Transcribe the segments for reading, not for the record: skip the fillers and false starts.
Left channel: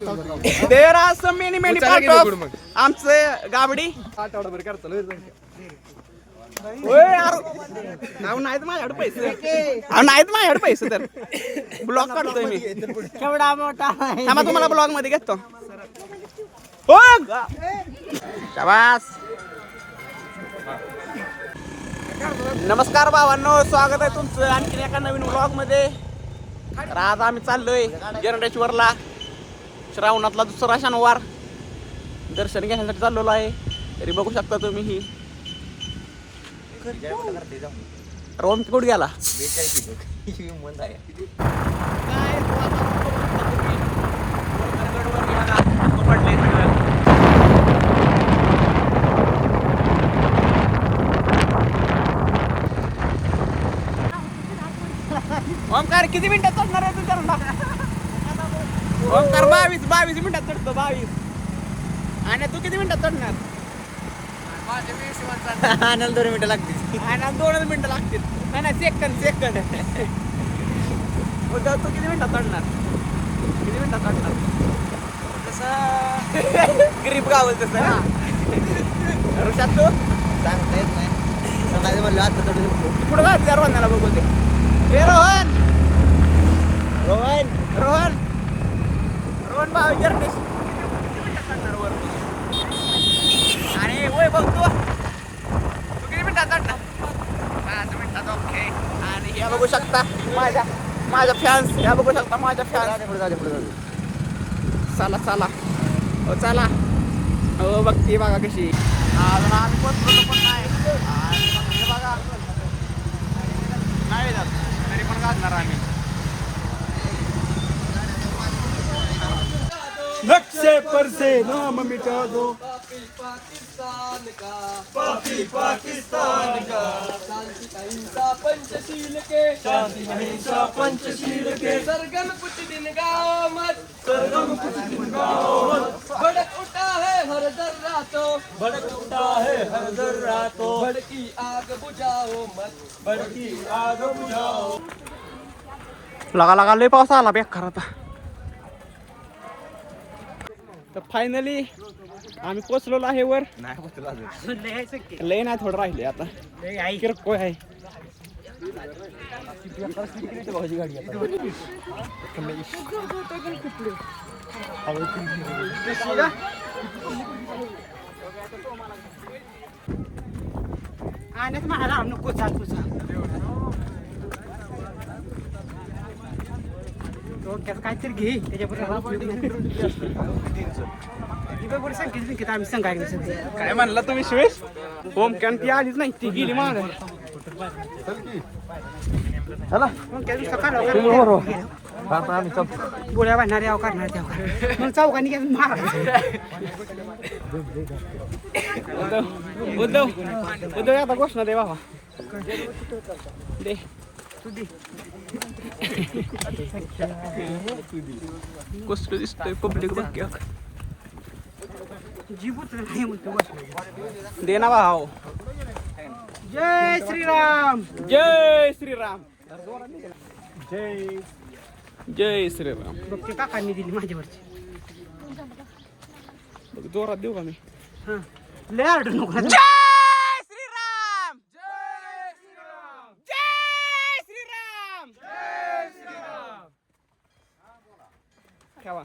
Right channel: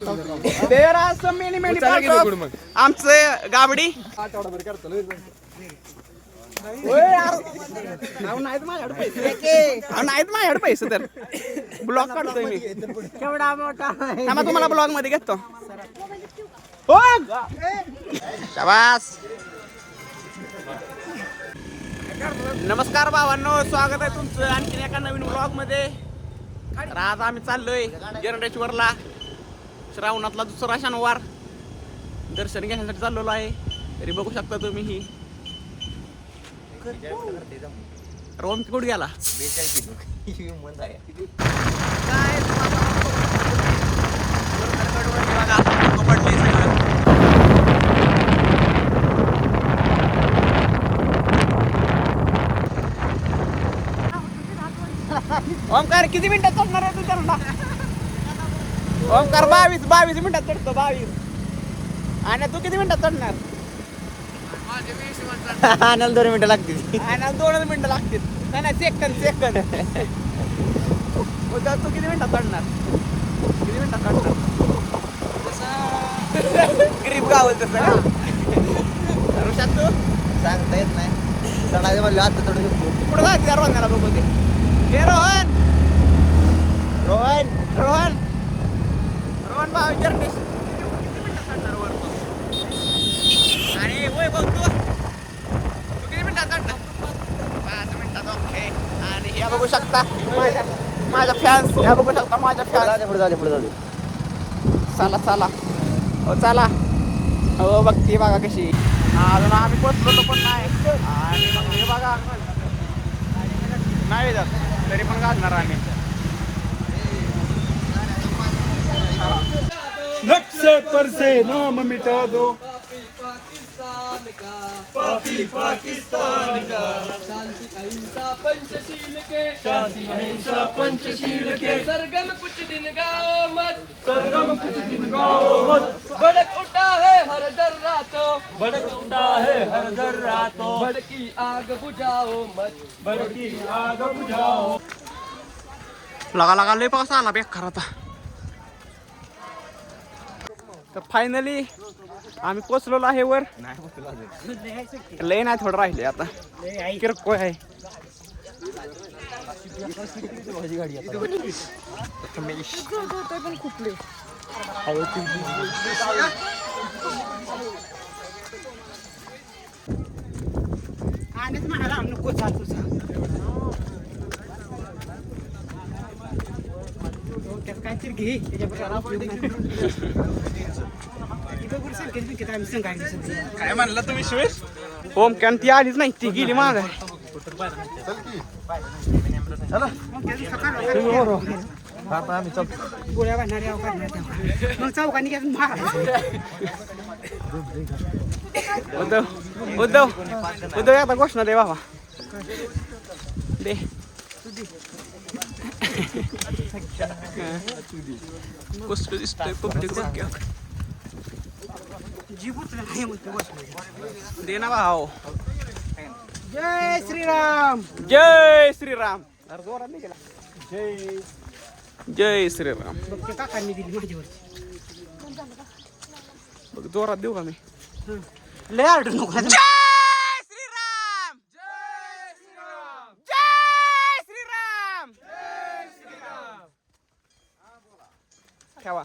There are some many many आमचं गाबडी नाहीत माझ्याकडे पैसे तर ब्लॉग काढतोय मी केवढा मोठा तुम्हाला ब्लॉग मध्ये घेतो शाबास. नमस्कार भावांनो, स्वागत आहे तुमचं आणखीन एका नवीन ब्लॉग मध्ये. तर आज आम्ही चाललोय जरंडेश्वरला. श्रावणातला दुसरा शनिवार दर्शन घेण्यासाठी चाललेलो आहे. तरी बघू शकता तुम्ही ही रोम कुठे गेला ओमकार किती मिनिटात चढणार होतो चढला ओमकार 22 मिनिटात चढतो 22. आणि तू किती मिनिटात चढणार? आनंद 2 मिनिटं लागतील. आणि 2 मिनिटं लागतील. नाही सेकंद तू किती मिनिटात चढणार? किती मिनिटात चढणार? तसं गरीब गाव तसं ना ऋषात तू सांगता येत नाही. चढायचं म्हणलं आता चढू शकतो. पुढे जायचं यार वाजण्याला बघू ते. ए रोहन भाऊ जर्नेश किती मिनिटात चढणार वर तू? आणि वय बघ तू किती मिनिटात चढणार? 5 मिनिटात. ओके. आणि ह्या बघू शकता माझ्या फॅन्स. ह्या बघू शकता माझ्या फॅन्स. पुढे चला हो चला हो. बघती बघा कशी. अजून आम्ही पोचलो पण नाही. आणि मग हे बघा नाही जात तरी पण घालणार आम्ही. नक्शे पर से नाम मिटा दो पाकिस्तान का शांति अहिंसा पंचशील के सरगम कुछ दिन गाओ मत भड़क उठा है हर दर्रातो भड़की आग बुझाओ लगा लय पाऊस आला बेकार आता. तर फायनली आम्ही पोचलेलो आहे वर. लय नाही थोडं राहिले आता किरकोळ आहे. आणि मला नको चाल तुझा काहीतरी घे त्याच्याबरोबर आम्ही सांगायला काय म्हणला तुम्ही शिवेश? होम कॅन ती आलीच नाही, ती गेली माग. गोळ्या बांधणारे अव काढणार मग चौकांनी घ्या मार. उद्धव एकदा घोषणा दे बाबा दे. कसं दिसतंय पब्लिक बाकी दे ना भाऊ. जय श्रीराम जय श्रीराम जय श्रीराम. बघ काकांनी दिली माझ्यावरची. बघ जोरात देऊ का मी? लय आर्डर नको. जय श्रीराम जय श्रीराम ठेवा.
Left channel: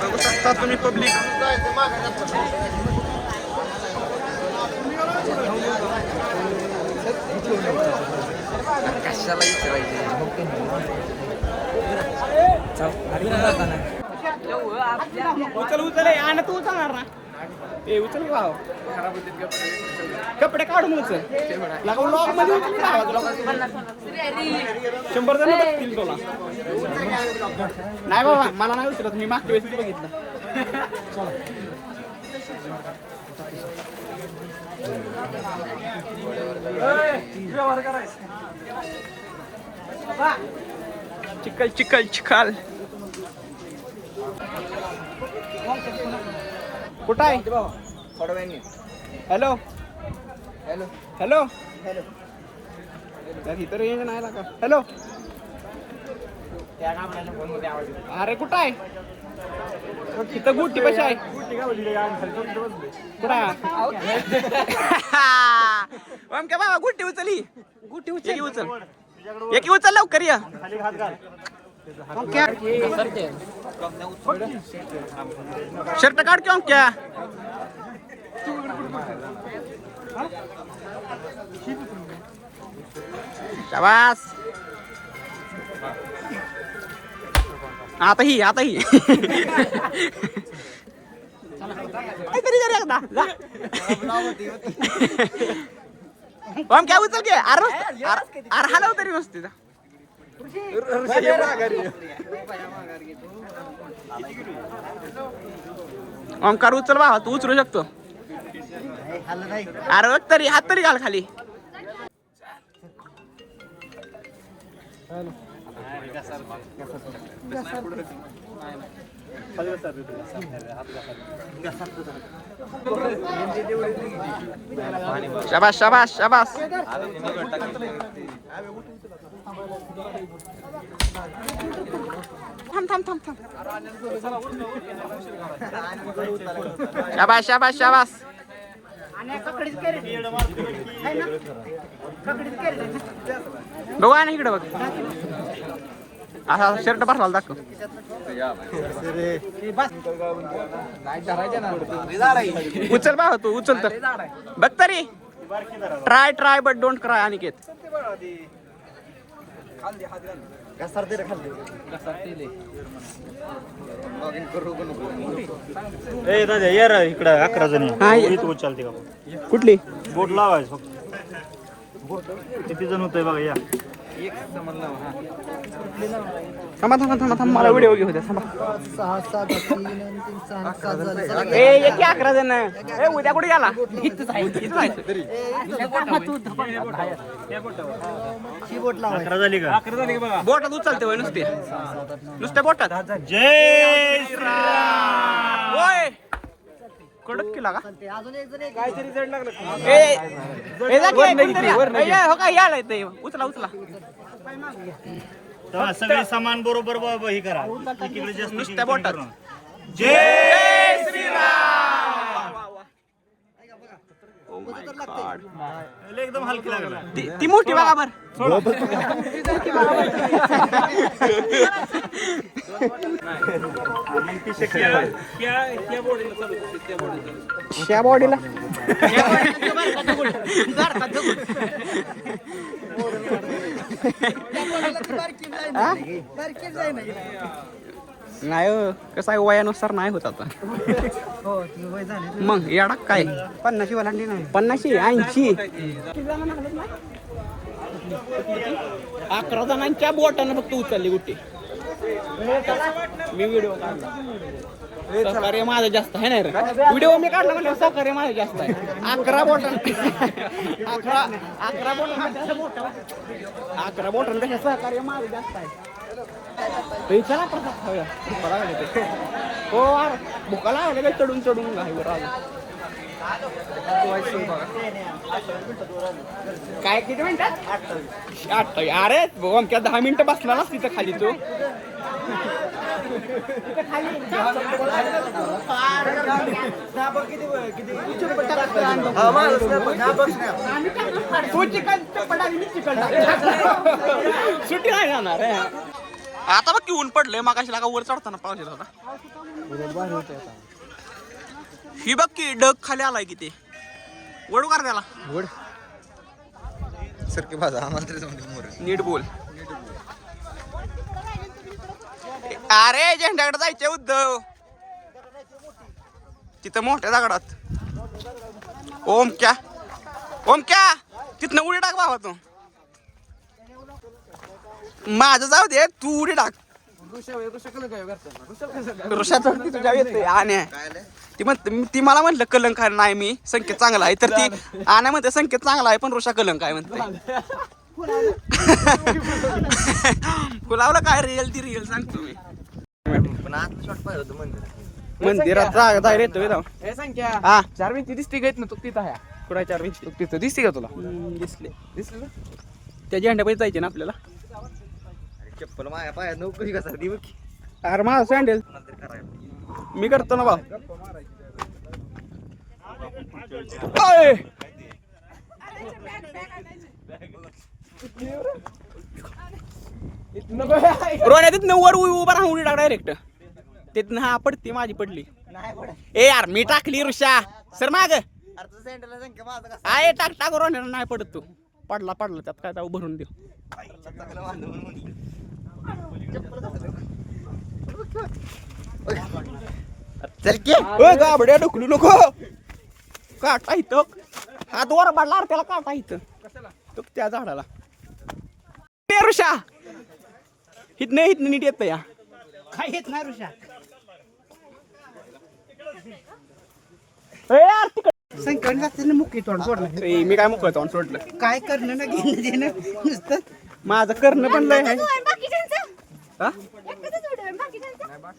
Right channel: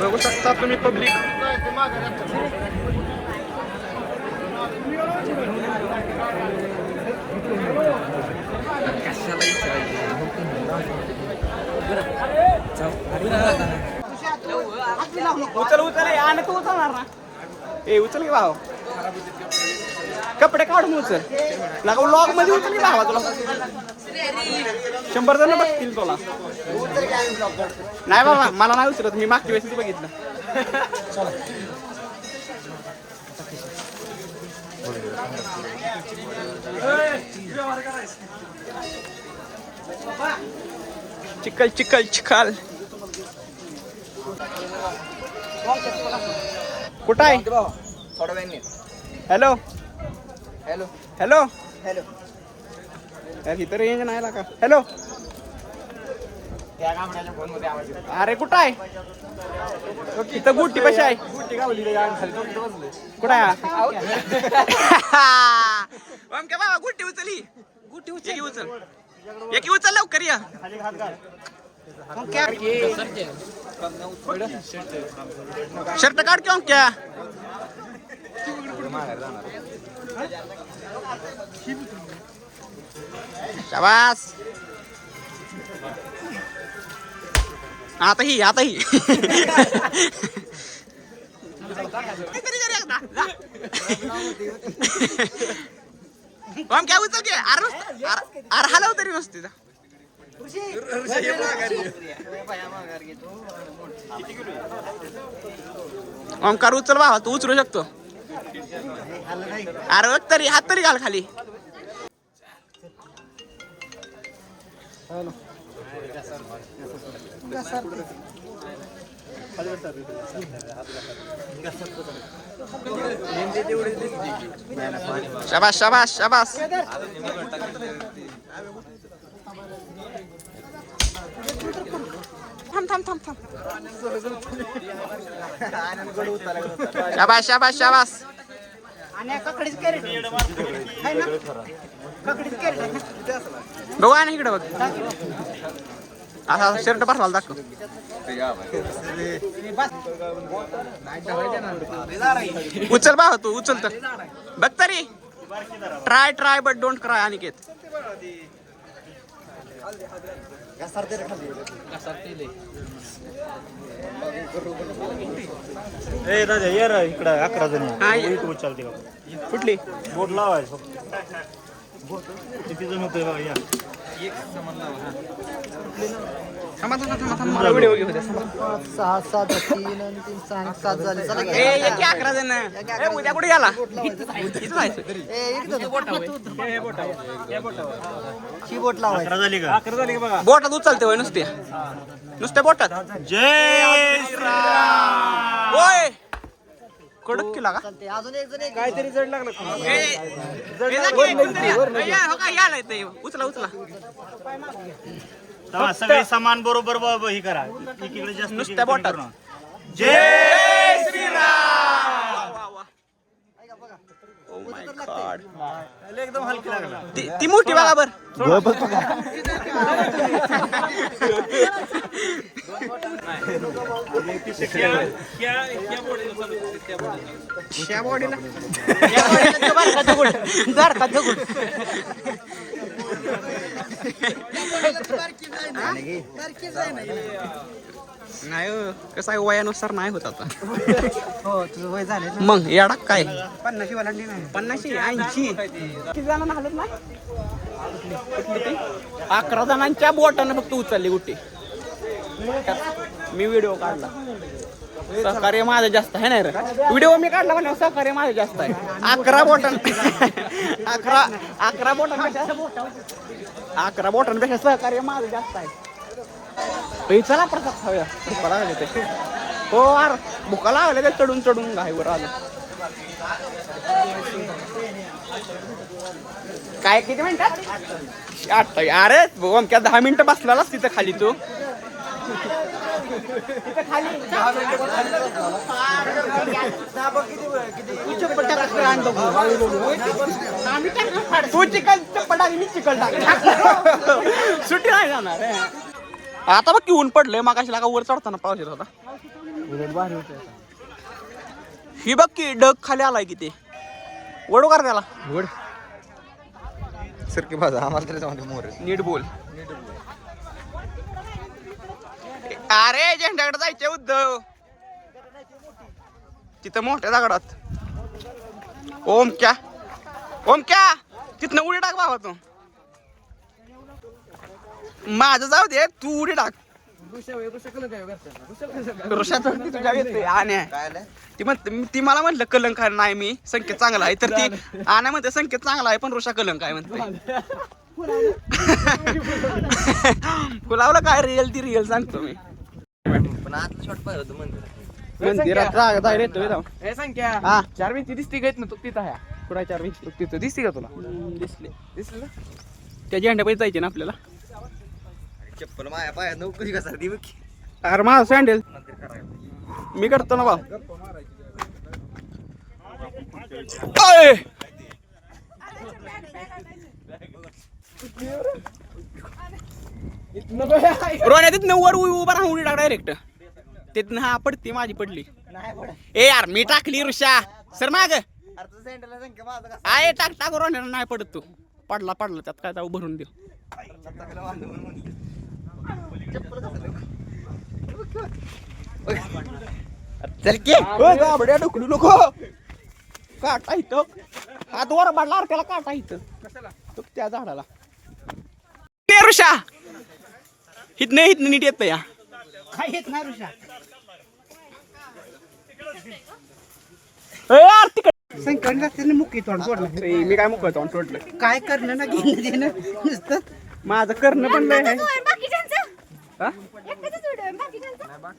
बघू शकता तुम्ही पब्लिक. उचल आणि तू उचलणार ना? ए उचल की भाव. कपडे काढून उचल. लॉग मध्ये उचल की भावा. तुला 100 जण बघतील तुला. नाही बाबा मला नाही उचलत. मी मागच्या वेळेस बघितलं. चिखल कुठं आहे? हॅलो हॅलो हॅलो हॅलो इथं रेंज नाही का? हॅलो अरे कुठं आहे इथं गुट्टी कशी आहे कुठं आहे ओमक्या बाबा गुट्टी उचली एकी उचल लवकर या शर्ट काढ की ओमक्या शाबास आता ही ओम क्या उचल के अरे हलव तरी नसते ओमकार उचल बा तू उचलू शकतो अरे बघ तरी हात तरी घाल खाली शाबास शाबास शाबास थांब थांब थांब थांब शाबास शाबास शाबास बघू ना इकडे बघ असा शर्ट भरला दाखव उचल बा तू उचल तर बघ तरी try but don't cry Aniket इकडे 11 जण कुठली बोट लावायचं किती जण होतंय बघा या थांबा मला व्हिडिओ घेऊ द्या थांबा 11 जण उद्या कुठे गेला बोटात उचलते होय नुसत्या बोटात जय श्रीराम होय कडक केला का याला येते उचला सगळे सामान बरोबर ही करा इकडे जास्त नुसत्या बोटात जय श्रीराम ओ माय गॉड एकदम हलकी लागला ती मोठी बघा बर मग ती त्या बॉडीला नाही कसं आहे वयानुसार नाही होत आता तुझं वय झालं मग येडा काय 50 वालांडी नाही 50 80 किती जणांना हलत ना 11 जणांच्या बोटानं फक्त उचलली गुट्टी मी व्हिडिओ काढला सहकार्य माझं जास्त आहे नाही रे व्हिडिओ मी काढला म्हणजे सहकार्य माझं जास्त आहे 11 बोटांपेक्षा सहकार्य माझं जास्त आहे चला प्रसाद खाऊया भुका लागले ते हो यार भुका लागले ते चढून घाईवर आलं काय किती मिनिटात 8 अरे ओमक्या 10 मिनिटं बसलास तिथं खाली तू तू चिकन सुट्टी नाही जाणार आता बघ की ऊन पडलंय मागाशी लागा वर चढताना पाऊस येत होता ही बघ की डग खाली आलाय किती वडू कर त्याला नीट बोल अरे झेंड्याकडे जायचे उद्धव तिथं मोठ्या दगडात ओमक्या तिथनं उडी टाक बाबा तू माझं जाऊ दे तू उडी टाक ती मला म्हटलं कलंक नाही मी संकेत चांगला आहे तर ती आण्या म्हणते संकेत चांगला आहे पण ऋषा कलंक आहे म्हणते फुलावलं काय रिअल सांगतो मी मंदिरात संख्या 4 भिंती दिसती का तिथं पुढे 4 भिंती तिथं दिसते का तुला दिसले त्या झेंड्यापाशी जायचे ना आपल्याला चप्पल माझ्या पायात नोकरी कसं ती बघ अरे माझा सँडल मी करतो ना भाऊ. ओय! रोण्या तिथनं वर उभा राहून उडी टाक डायरेक्ट तिथनं. हा पडती माझी पडली. नाही पडत. ए यार मी टाकली ऋषा सर माग अरे तू सँडलला सांग का माझं कसं आहे टाक टाक रोण्या नाही पडत तू. पडला त्यात काय जाऊ भरून देऊ. चांगलं बांधून. चप्पल कसं चल की गाबड्या ढुकलू नको. काटा इथं हात वर बाडला त्याला काटा इथं तो त्या झाडाला. ऋषा हितनं नीट येत या काय येत नाही ऋषा यार तिकडे संकट मुक्की तोंड सोडलं मी काय मोकळ तोंड सोडलं. काय करणं ना घेणं नुसतं माझं करणं पण लय आहे. हा?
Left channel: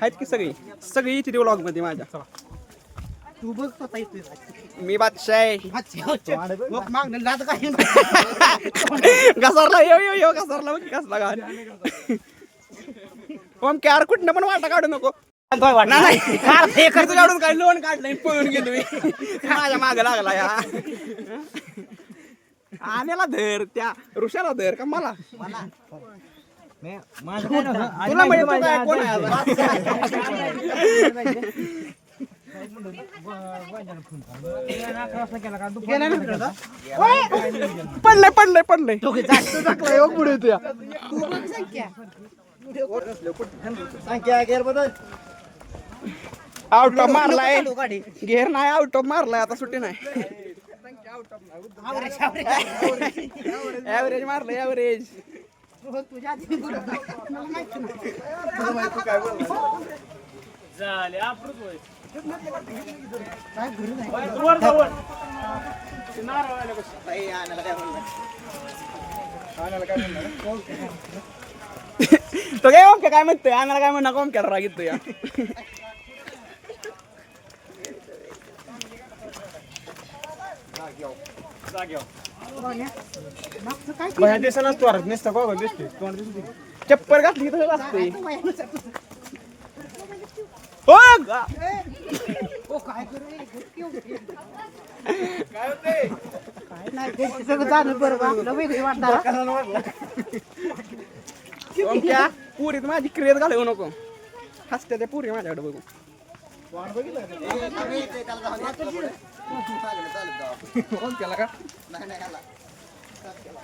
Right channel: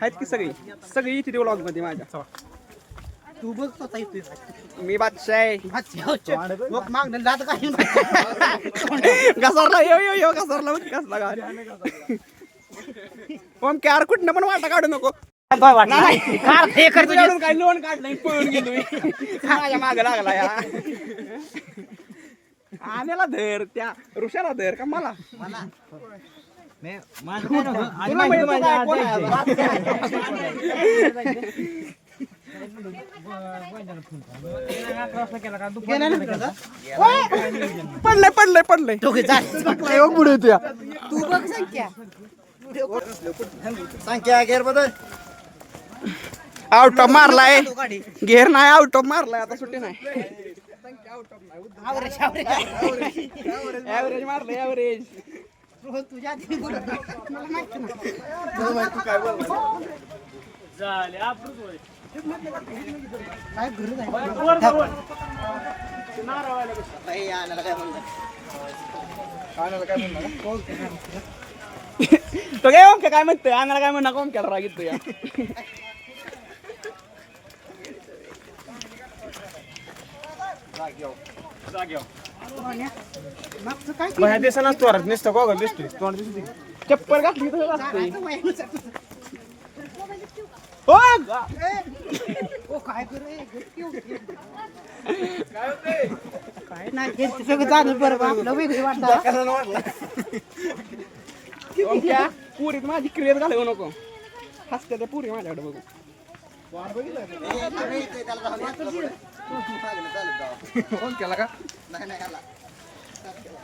आहेत की सगळी इथे व्लॉग मध्ये माझ्या. तू बघ स्वतः येतोय मी बादशाह आहे. मग मागणं लाद काय घसरला यो घसरला बघ कसला गाडी. ओम यार कुठनं पण वाटा काढू नको. काय लोन काढलं पळून गेलो मी. माझ्या मागे लागला या आण्याला धर त्या ऋषाला धर का मला. तुला माहिती काय कोण आहे? पडलंय पुढे तुया संख्या गेर बदल आउट ऑफ मारलाय. घेर नाही आउट ऑफ मारलाय आता सुट्टी नाही. ऍव्हरेज मारलं ऍव्हरेज. तुझ्या काय घरी तो काय ओमक्या काय म्हणतोय अंगाला काय म्हणणार ओमक्याला राग येतो या. चप्पल घातली काय नाही झालं बरं वेगळी ओमक्या पुरीत माझी क्रिएट घालवू नको. हसते ते पुरी माझ्याकडे बघू. ओमक्याला का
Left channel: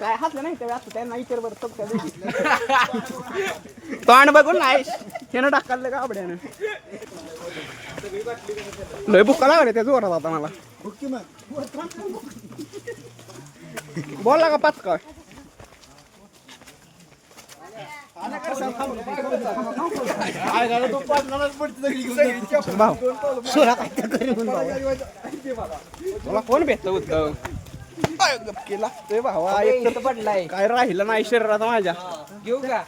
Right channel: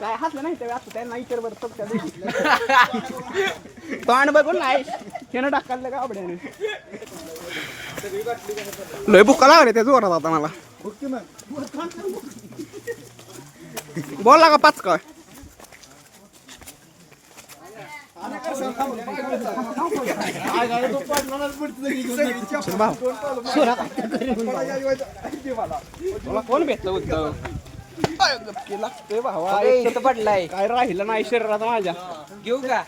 काय हसलं नाही तर आता त्यांना इतर बरं तोंड बघून नाही त्यानं टाकायला का आवड्यानं. लय बुक्का लागले त्या जोरात आता मला. बोलला का पाच का कोण भेटलं होतं लागतोय भावा. पडलाय काय राहिलं नाही शरीरात माझ्या. घेऊ का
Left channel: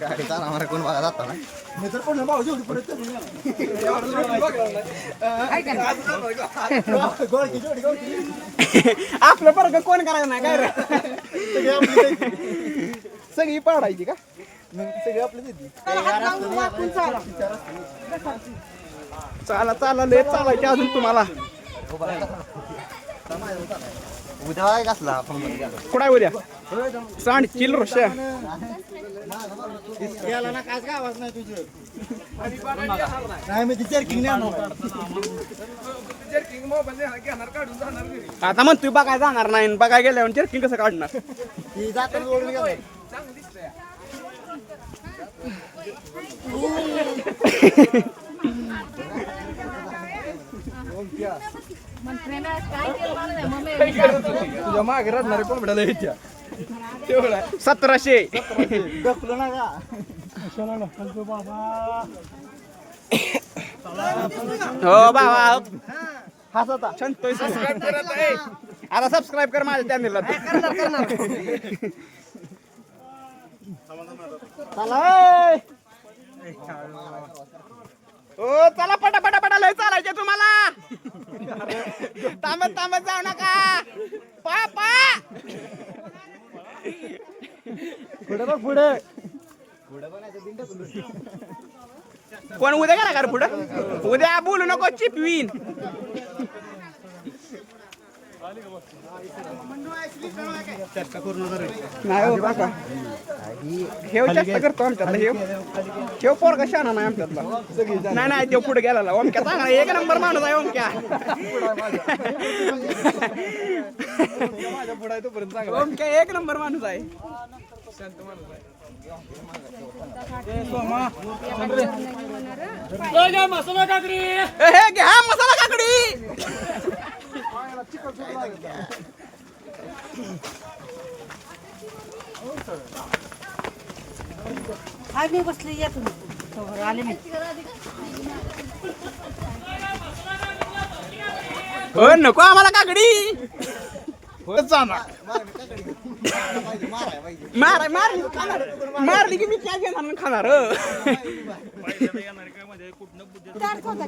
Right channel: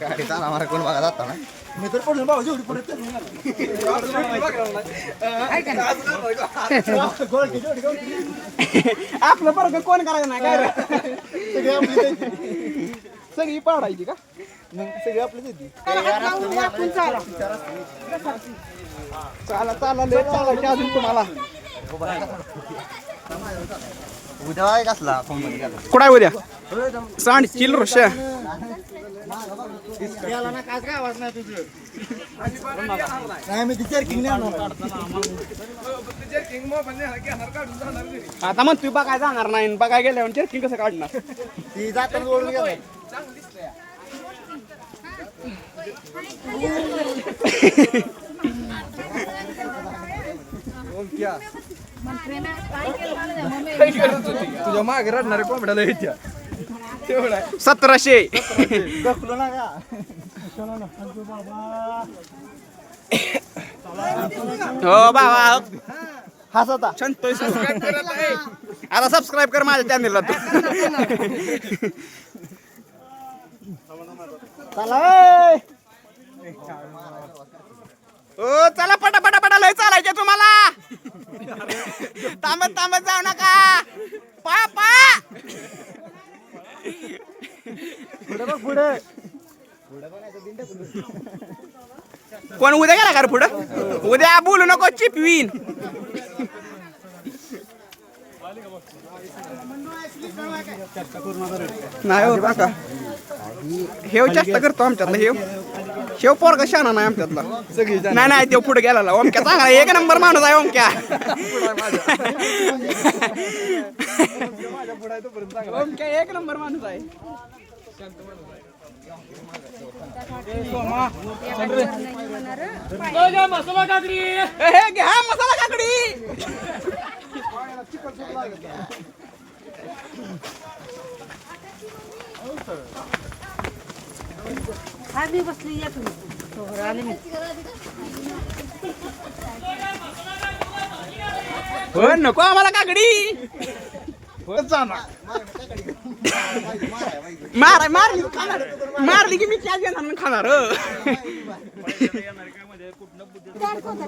गाडी चालणार कोण बघा जाता ना मी तर पडलो बाबा जेवढी पडत आपलं बरं कोण करायचं नाही काय रे. सगळी पाडायची का सगळी आपली चाला लय चालायची अजून तुम्हाला. उद्या आहे कसला कुठं उद्या सांड किल ऋषा याला ना काय आवाज नाही तुझं नाही मी तिच्या किंग आता मग तू बघायला जाणार नाही बघायला गेल्यावर चर्किंग कसं काढणार. ती जाताना ओळून गेला तुझ्या मागे रडणारे कोंबड्याला येत्या 1700 गपलो ना का हो बाबा हसता छंतोय. आता सबस्क्राईब कर माझ्या चॅनलला. ओ चला पटा लय चालायचे तुम्हाला. थांबत जाऊ नका. पा पुढे कोण उद्या गेला का रे पुढं उद्या बोलू नको चिपवीन नाही हो काका हेव जास्त करतो आमच्यातला शेव पोरगा शहाणा नाही आमच्यातला नाही नाही तो पुढे गेला ओमक्या चांगला एक नंबर माणूस आहे ओमक्या ओमक्या एक नंबर माणूस आहे मसाला काकडी हे घ्या मसाला काकडी मी बसली येत आले मी हो नको आम्हाला काकडी मारली की मी क्या घेणार खाणार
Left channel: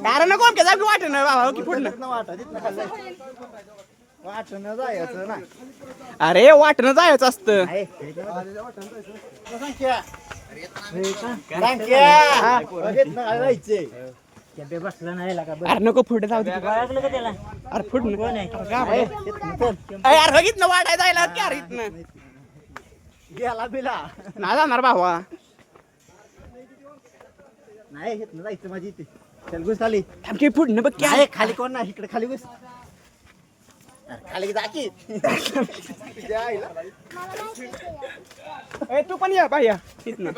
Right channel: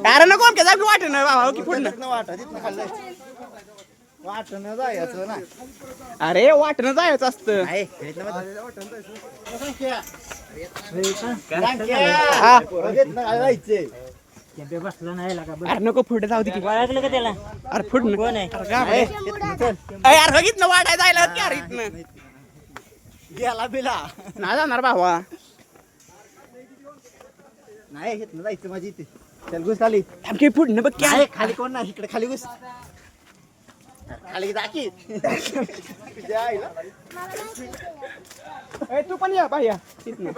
अरे नको आमच्या जागी वाट ना बाबा की पुढनं वाटणं जायचं ना अरे वाटणं जायचं असतं जायचे बसला नाही लागा अरे नको पुढे जाऊ दे ओळखलं का त्याला अरे पुढं कोण आहे यार बघितलं वाटाय जायला यार इथनं गेला बिला नाही जाणार भावा नाही घेत ना जायचं माझी इथे चल घुस खाली आमची पुढनं बघ क्या खाली कोण नाही इकडे खाली घुस खाली जाकी तू पण या बाया इथनं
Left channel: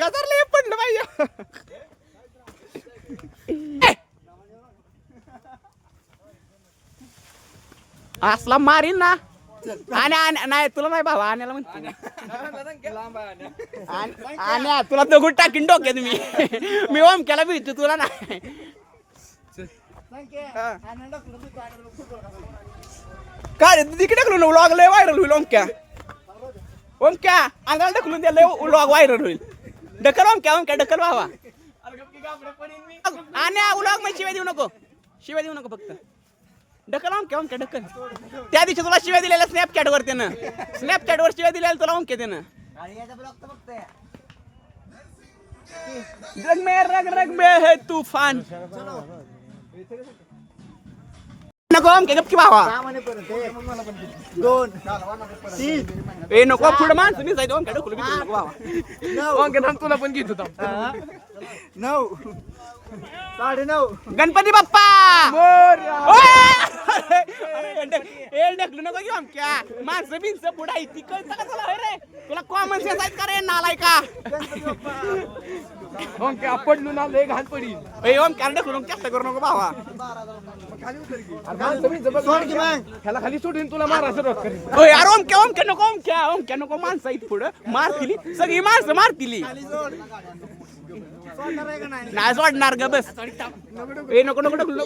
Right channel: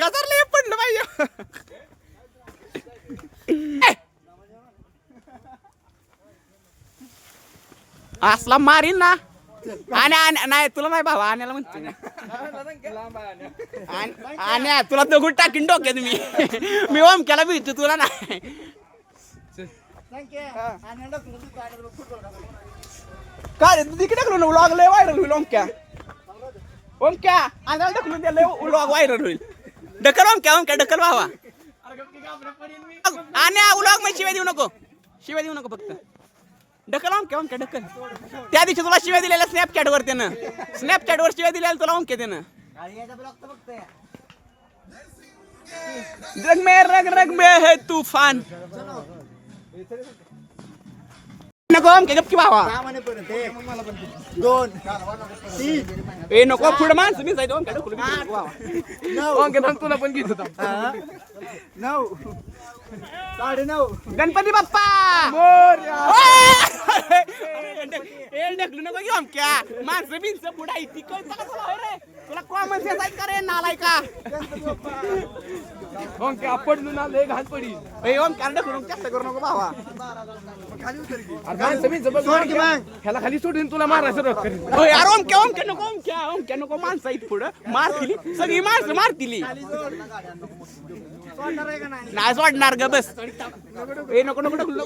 गजरले पडलं पाहिजे असला मारीन ना आणि नाही तुला नाही भावा आण्याला म्हणते आणि तुला दगड टाकीन डोक्यात मी ओमक्याला भेटतो तुला नाही काय रे तिकडे ढकलून व्लॉग लय व्हायरल होईल ओमक्या अंगाला ढकलून त्या लय व्लॉग व्हायरल होईल ढकल ओमक्या ढकल भावा आणि व्लॉग मध्ये शिवाय देऊ नको फक्त ढकल ओमक्या ढकल त्या दिवशी तुला शिवाय दिलेल्या स्नॅपचॅट वर शिवाय दिलेल्या तुला ओमक्या त्यानं रग में है तूफान नको ओमक्या गप की भावा दोन ए नको पुढे माणसं मी जायचं ओमक्या ढकलून नको भावा ओमक्या तुला पण घेत होता 9 9:30 गणपती बाप्पा ढकलू नको घेऊ ओमक्या माणसं बिनसं पुढे ती कळतं का तुला रे तिला कॉमन सेन्स आहे का रे नालाय का ओमक्या पडलू ना लय घाण पडी ए ओमक्या ढकलून चेष्टा करू नको भावा ह्याला खाली सोडून तुला मारायचं सुरुवात करेल ओय यार ओमक्या नको माणसं आहेत पुढं मारतील सगळी माणसं मारतील नाही सोडणार ग बस ए नको ढकलू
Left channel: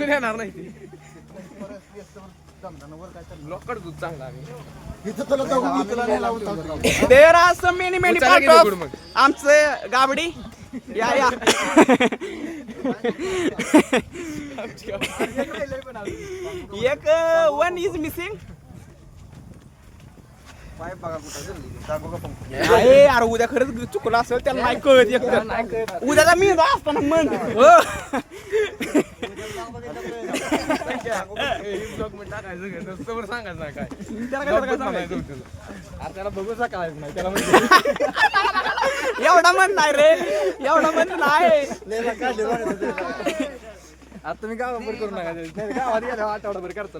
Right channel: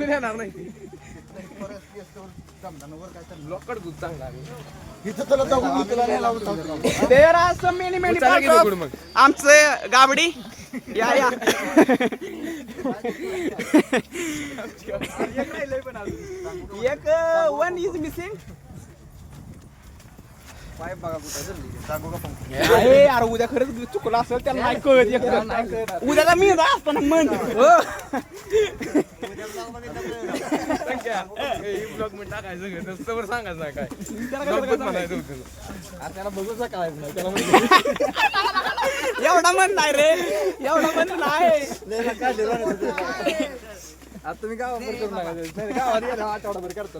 येणार नाही लोकड दूध चांगला इथं तुला दगड तुला नाही लावून चालतो. There are some many many आमचं गाबडी या एक वन इज मिसिंग यार उद्या खरंच चुकलं असेल त्याला नाही कळत एकदम उद्याचा मी असताना मन ब्लॉग मध्ये टाकायचं नसतं सांगायचं ना काय त्याला बघूचा काय नाही त्याला एवढा मन नाही रे एवढा मन नाही आता तुम्ही गावावर करून गावात गेला आठवडाभर करतो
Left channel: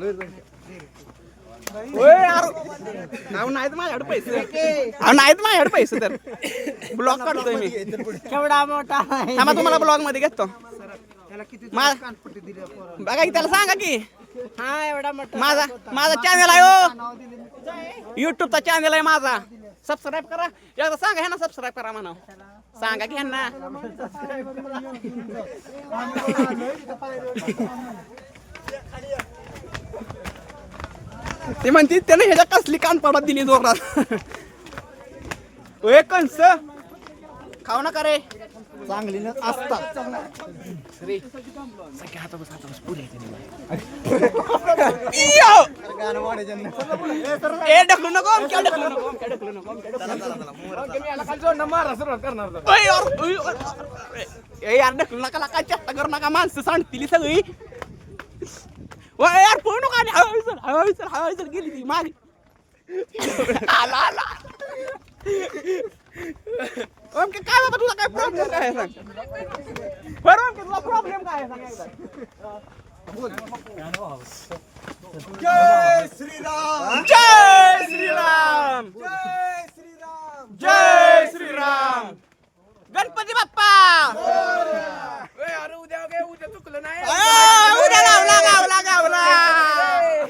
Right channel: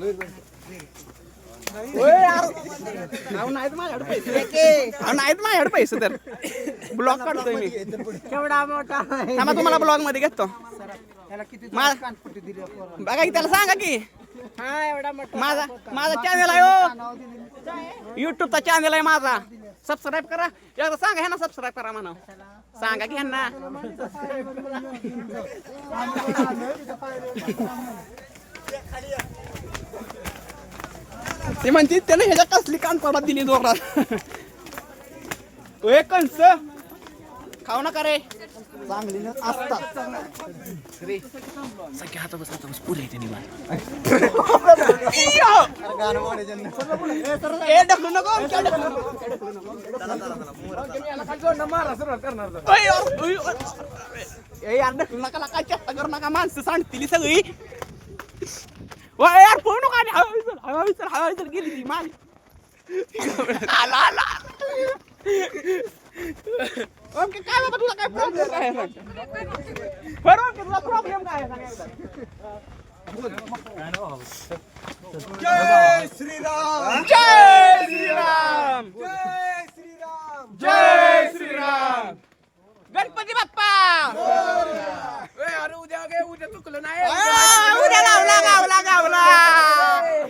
नाहीत माझ्याकडे पैसे तर ब्लॉग काढतोय मी केवढा मोठा थांबा तुम्हाला ब्लॉग मध्ये घेतो बघा की त्याला सांगा की हा एवढा मोठा माझा चॅनल आहे हो युट्यूबचा चॅनल आहे माझा सबस्क्राईब करा एकदा सांगा ह्यांना सबस्क्राईब करा म्हणा सांगा की ह्यांना ते म्हणते त्याने ह्याच्या कसली कानपाडात दिली जोरात कंस खाऊ नका रे चांगली न असता हाता बस पुरी येते गाणं म्हणायचं ए ढकलू नको ए यार ढकलू नका काय चेष्टा करू नका माणसं सांडतील सगळी यार फोन नका आणि हळूहळू गेली ती माझी आला ओके काय होतं तुला काय प्रॉब्लेम काय आहे सांग बरं ओके तुला प्रॉब्लेम काय आहे सांग एकदा जय श्रीराम जय श्रीराम जय श्रीराम जय श्रीराम गणपती बाप्पा अरे उद्या चुकलं नाही उद्या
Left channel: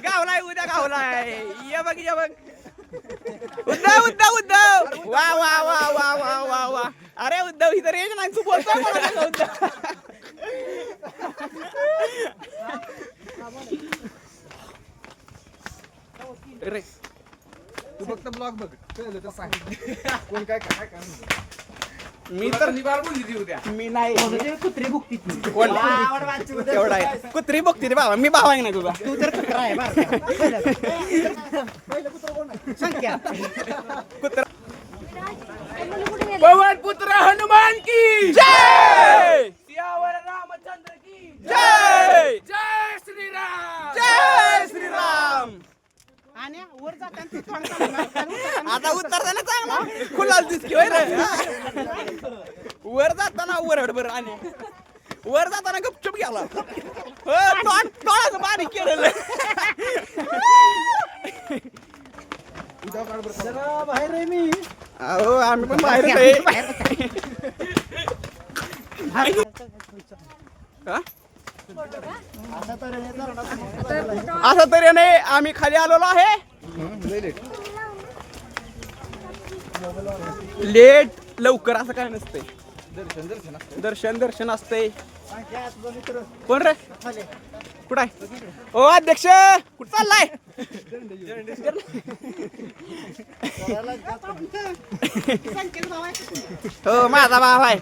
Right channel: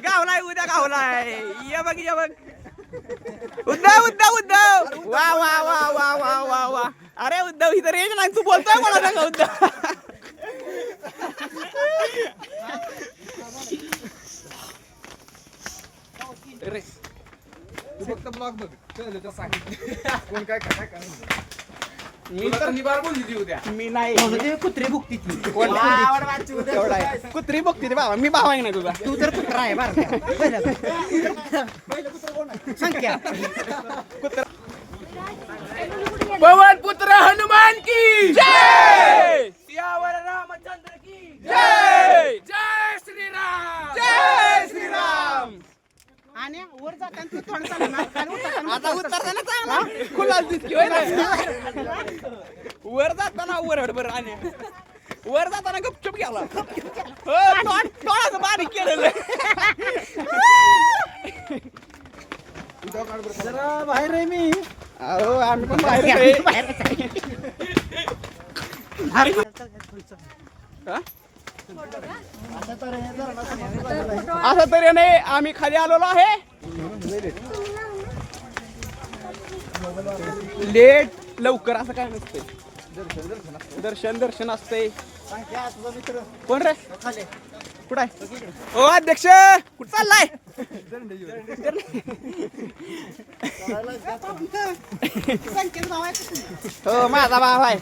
गावलाय उद्या गावलाय ये बघ उद्धव वा वा वा वा वा वा वा अरे उद्धव इथं रेंज नाही तू बोलतोय मला का उद्धव तू फक्त ब्लॉग बघ कळलं तर सांग कोण काय काय काय मी तर बार बोलली उद्या मी नाही कुत्री बुकती कुत्री बघते रे बाबा मी बाबा आहे ना तुझा तू तर कुत्रा आहे बरं पहिलं कुत्र कोण आहे संख्या पवन पुत्र हनुमान की जय सियावर रामचंद्र की जय जय श्रीराम जय श्रीराम आणि वर जाताना तू थोडं चालणार आता उतरताना चांगला खुला दिसतोय वर जाताना वर बरं आणि वर जाताना गपचूप गेला थोडासा बारीक केलेलं बाहेर आहे मी अहो आम्ही पण बाहेर आहे. हा? असं तरी नाही आम्ही खाली आलेलो आहे लेट लवकर असं काय नसतंय दर्शन असतंय संख्या तुझा मित्र कोण रे कुठं आहे ओ अध्यक्ष कुठं चाललाय हो माझा भाव आहे